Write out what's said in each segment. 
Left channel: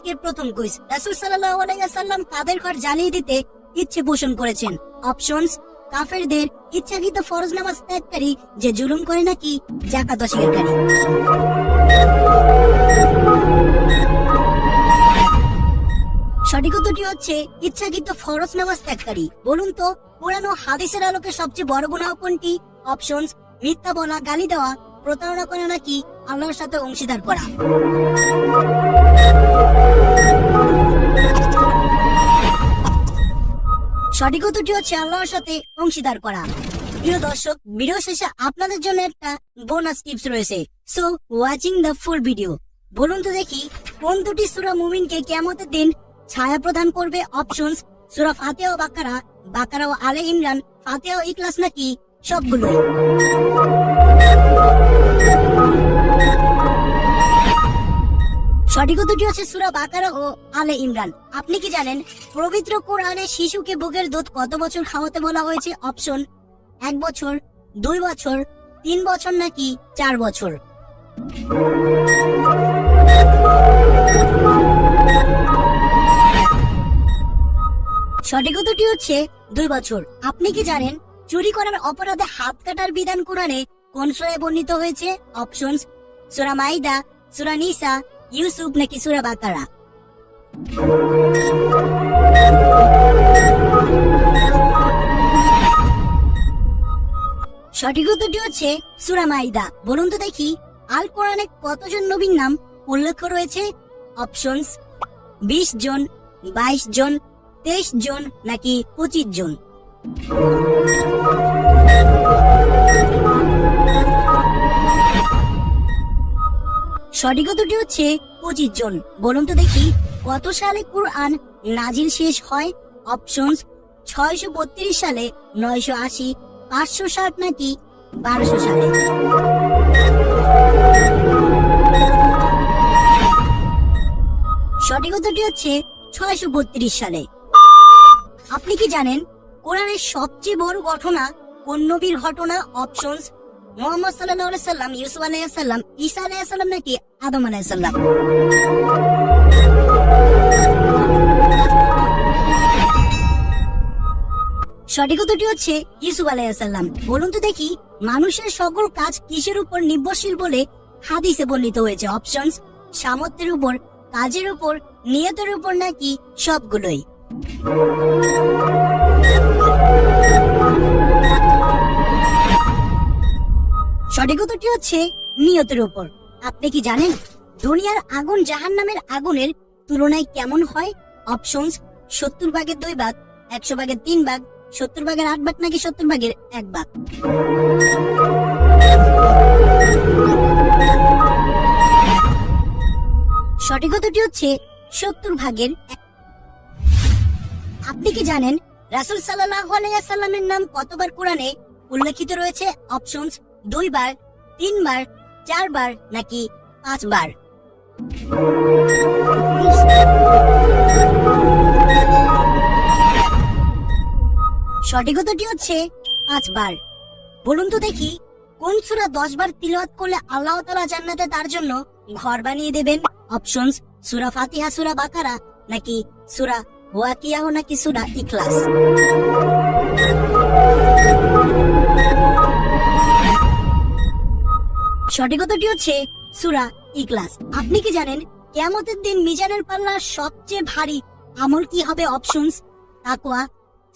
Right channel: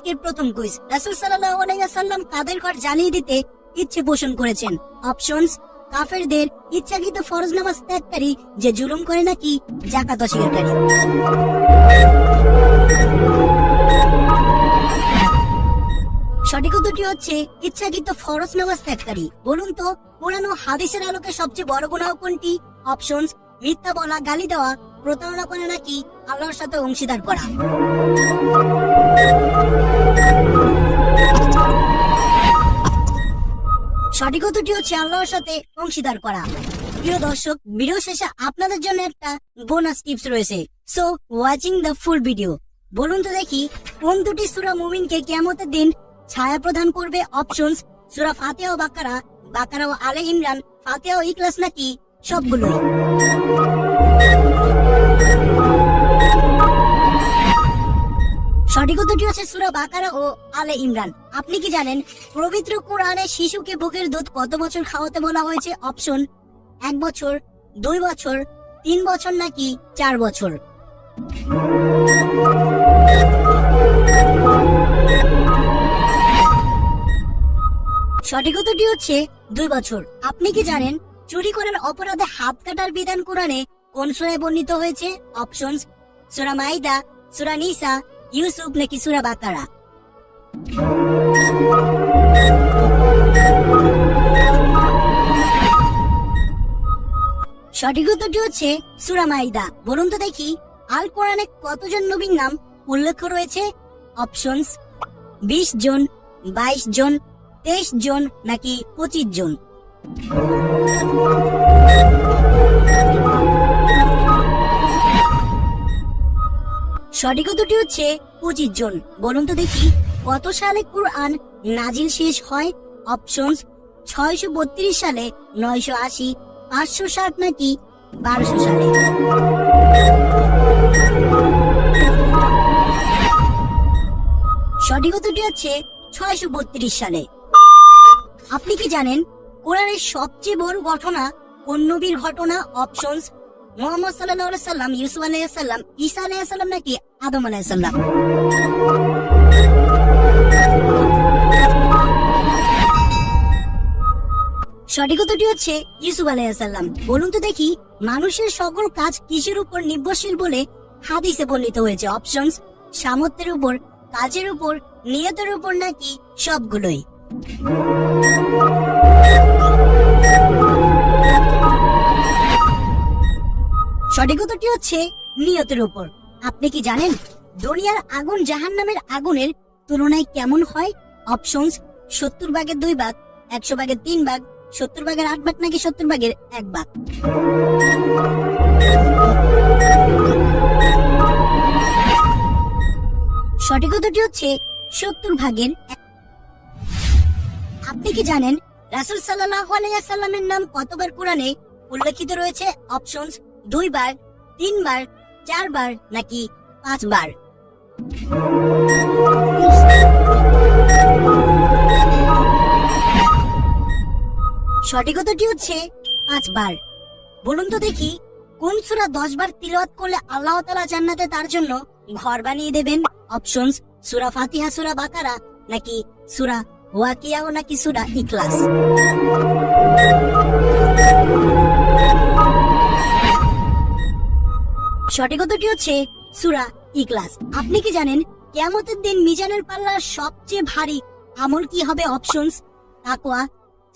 আজকের প্রথম কুইজ, রাসূল সাল্লাল্লাহু আলাইহি ওয়াসাল্লাম কাদের ঘর জ্বালিয়ে দিতে ইচ্ছে পোষণ করেছেন? অপশনস: কাফেরদের, ইচ্ছাকৃত ফরজ নামাজ ত্যাগকারী, যে জুলুম করে নাকি যাকাত অস্বীকারী। সঠিক উত্তরটি হচ্ছে ইচ্ছাকৃত ফরজ নামাজ ত্যাগকারী। বলুন তো, কোরআন ও হাদিসের আলোকে সবচেয়ে বড় গুনাহ কোনটি? অপশনস: মিথ্যা বলা, গালি দেওয়া, প্রতারণা করা নাকি আল্লাহর সাথে অংশীদার করা। সঠিক উত্তরটি হচ্ছে আল্লাহর সাথে অংশীদার করা। প্রিয় দর্শক, ভিডিও শেষে আপনাদের জন্য একটা বোনাস টিপস রয়েছে, so watching the full video. বলুন তো দেখি, কোন দুটি সূরা মুমিনকে কিয়ামতের দিন ছায়া প্রদান করবে? অপশনস: সূরা ফাতিহা ও বাকারা, বাকারা ও আলে ইমরান, ফাতিহা ও ইখলাস নাকি সবগুলোই? সঠিক উত্তরটি হচ্ছে সূরা বাকারা ও আলে ইমরান। আপনি কি জানেন পবিত্র কোরআনে শিশুকে বুকের দুধ কত বছর খাওয়াতে বলা হয়েছে? অপশন: 1 বছর, 2 বছর, 3 বছর নাকি 4 বছর? সঠিক উত্তরটি হচ্ছে 2 বছর। আপনি কি জানেন চুরি করার অপরাধে হাত কাটার বিধান কোরআনে কোন সূরায় বর্ণিত হয়েছে? অপশনস: সূরা মাইদা, সূরা নিসা, ইউসুফ নাকি সূরা বাকারা? সঠিক উত্তরটি হচ্ছে সূরা মাইদা। বলুন তো দেখি, আল কোরআনে কতজন নবীর নাম উল্লেখ রয়েছে? অপশনস: 20 জন, 22 জন, 23 জন নাকি 25 জন? সঠিক উত্তরটি হচ্ছে 25 জন। বলুন তো দেখি, কত সালে কুরআন নাজিল শেষ হয়? অপশনস: 632 সালে, 980, 560 নাকি 1200 সালে? সঠিক উত্তরটি হচ্ছে 632 সালে। আপনি কি জানেন কোরআনের সবচেয়ে বড় ঘটনা কোন নবীর ঘটনা? অপশনস: মুহাম্মদ সাল্লাল্লাহু আলাইহি সাল্লাম, ইউসুফ আলাইহিস সালাম, ঈসা আলাইহিস সালাম নাকি আদম আলাইহিস সালাম? সঠিক উত্তরটি হচ্ছে ইউসুফ আলাইহিস সালাম। বলুন তো দেখি, মানুষের সকল কাজ কিসের উপর নির্ভরশীল বলে হাদিসে বর্ণিত হয়েছে? অপশনস: সামর্থ্যের উপর, কাজের উপর, নিয়তের উপর নাকি সবগুলোই? সঠিক উত্তরটি হচ্ছে নিয়তের উপর। আপনি কি জানেন দুনিয়ার আগুন জাহান্নামের আগুনের তুলনায় কেমন হয়? অপশনস: 70 ভাগের 2 ভাগ, 100 ভাগের 3 ভাগ, 70 ভাগের 8 ভাগ নাকি 70 ভাগের 1 ভাগ? সঠিক উত্তরটি হচ্ছে 70 ভাগের 1। আপনি কি জানেন রাসূল সাল্লাল্লাহু আলাইহি ওয়াসাল্লামের নাম কতবার কোরআনে উল্লেখিত রয়েছে? অপশনস: 2 বার, 3 বার, 4 বার নাকি 5 বার? সঠিক উত্তরটি হচ্ছে 5 বার। বলুন তো দেখি, কোন সূরা 10 বার তিলাওয়াত করলে আল্লাহ তাআলা জান্নাতে তার জন্য ঘর বানিয়ে দেবেন? অপশনস: সূরা ফাতিহা, সূরা বাকারা নাকি সূরা ওয়াকিয়া নাকি সূরা ইখলাস? সঠিক উত্তরটি হচ্ছে সূরা ইখলাস। আপনি কি জানেন কিয়ামতের দিন মিজানের পাল্লা সবচেয়ে ভারী আমল কি হবে? অপশনস: তাকওয়া,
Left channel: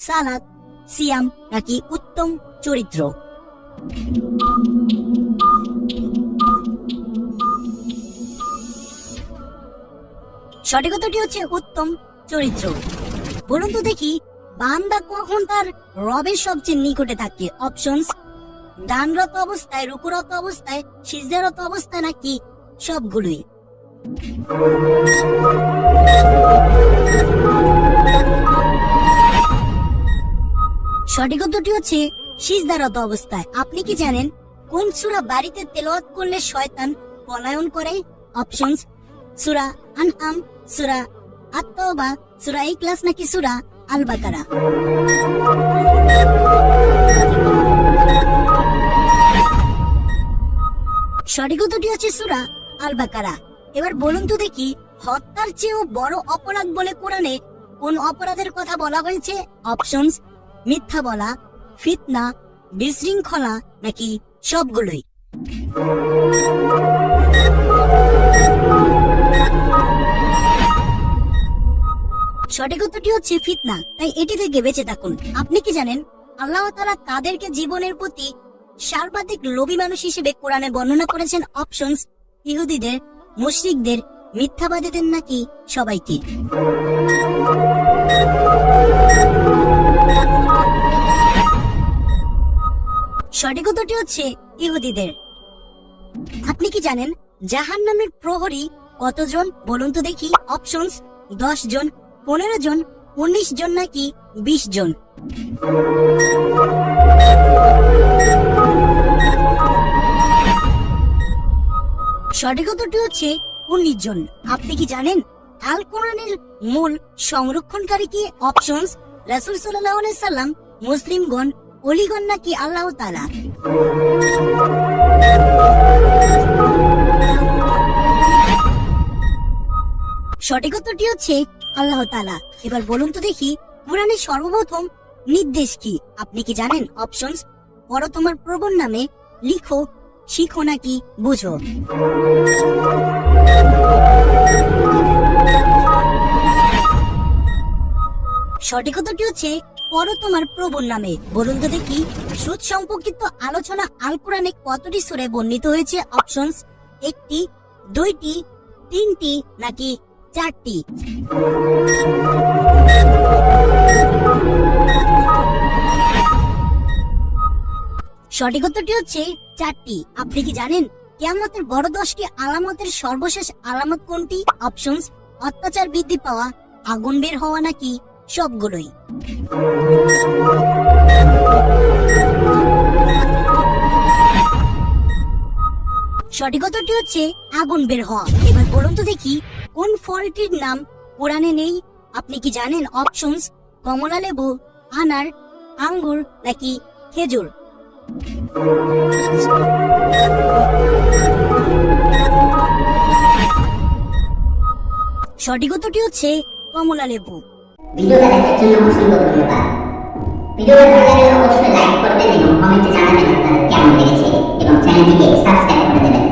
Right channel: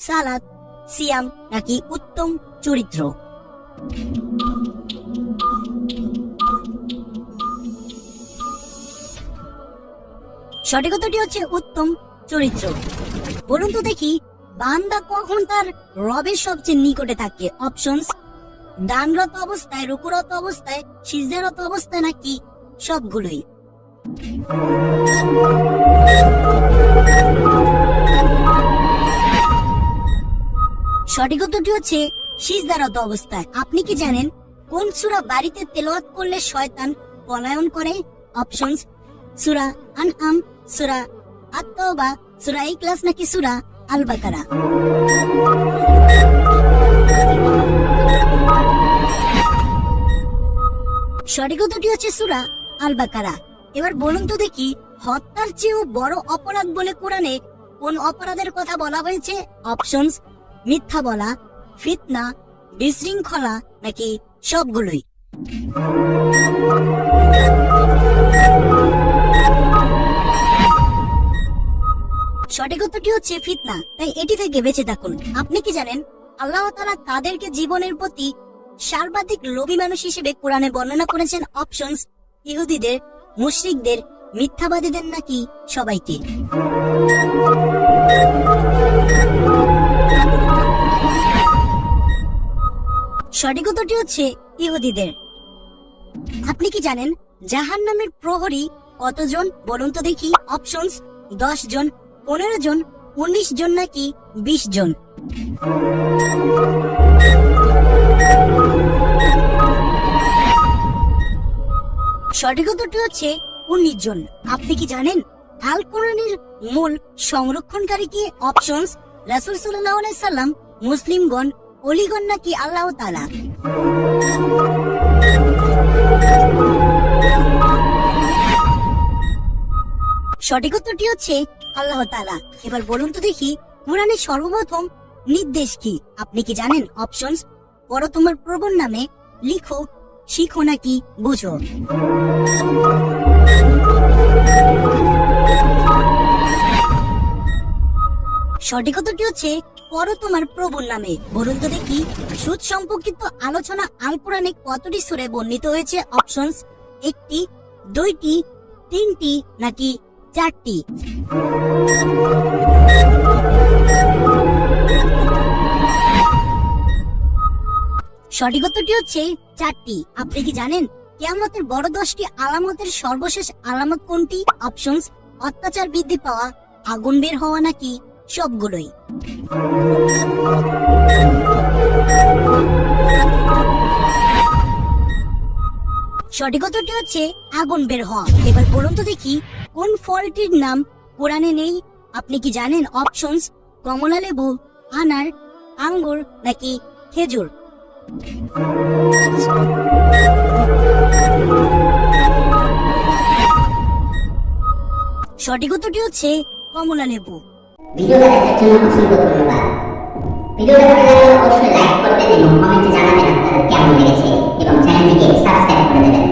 সালাত, সিয়াম নাকি উত্তম চরিত্র? সঠিক উত্তরটি হচ্ছে উত্তম চরিত্র। বলুন তো দেখি, বান্দা কখন তার রবের সবচেয়ে নিকটে থাকে? অপশনস: দানরত অবস্থায়, রুকুরত অবস্থায়, সিজদারত অবস্থায় নাকি সবগুলোই? সঠিক উত্তরটি হচ্ছে সিজদারত অবস্থায়। আপনি কি জানেন কোন সূরা বাড়িতে তেলাওয়াত করলে শয়তান পলায়ন করে? অপশনস: সূরা আনআম, সূরা আত-তাওবা, সূরা ইখলাস নাকি সূরা আল বাকারা? সঠিক উত্তরটি হচ্ছে সূরা আল বাকারা। এবার বলুন তো দেখি, হত্যার চেয়েও বড় অপরাধ বলে কোরআনে কোন অপরাধের কথা বলা হয়েছে? অপশনস: মিথ্যা বলা, ফিতনা, বিশৃঙ্খলা, নাকি সবগুলোই? সঠিক উত্তরটি হচ্ছে ফিতনা, তাই এটি থেকে বেঁচে থাকুন। আপনি কি জানেন আল্লাহ তাআলা তাদেরকে জীবনের প্রতি সর্বাধিক লোভী মানুষ হিসেবে কোরআনে বর্ণনা করেছেন? অপশনস: ইহুদিদের, মুশরিকদের, মিথ্যাবাদীদের, নাকি সবাইকে? সঠিক উত্তরটি হচ্ছে ইহুদিদের। আপনি কি জানেন জাহান্নামের প্রহরী কতজন? বলুন তো দেখি। অপশনস: 10 জন, 15 জন, 19 জন, নাকি 20 জন? সঠিক উত্তরটি হচ্ছে 19 জন। আপনি কি জানেন আল কোরআনের মূল সংরক্ষণকারী কে? অপশনস: রাসূল সাল্লাল্লাহু আলাইহি সাল্লাম, মুসলিমগণ, ওলিগণ, নাকি আল্লাহ তাআলা? সঠিক উত্তরটি হচ্ছে আল্লাহ তাআলা। এবার বলুন তো দেখি কোরআনের সর্বপ্রথম নির্দেশ কি? আপনি কি জানেন? অপশনস: পড়ো তোমার প্রভুর নামে, লিখো, শিখো, নাকি বুঝো? সঠিক উত্তরটি হচ্ছে পড়ো তোমার প্রভুর নামে। বলুন তো দেখি সুদ সম্পর্কিত আলোচনা আল কোরআনে কতটি সূরায় বর্ণিত হয়েছে? অপশনস: 1টি, 2টি, 3টি, নাকি 4টি? সঠিক উত্তরটি হচ্ছে 4টি। আপনি কি জানেন কিয়ামতের বড় 10টি আলামতের সর্বশেষ আলামত কোনটি? অপশনস: অত্যাচার বৃদ্ধি পাওয়া, আগুন বের হওয়া, নাকি সবগুলোই? সঠিক উত্তরটি হচ্ছে আগুন বের হওয়া। এবার বলুন তো দেখি কোন ফলটির নাম কোরআনে নেই? আপনি কি জানেন? অপশনস: কমলা লেবু, আনার, আঙ্গুর, নাকি খেজুর? সঠিক উত্তরটি হচ্ছে কমলা লেবু। ভিডিওটা দেখার জন্য অসংখ্য ধন্যবাদ। ভিডিওটা ভালো লাগলে অবশ্যই লাইক করবেন এবং কমেন্টে জানাবেন আপনাদের কেমন লেগেছে এবং চ্যানেলটিকে সাবস্ক্রাইব করে দেবেন।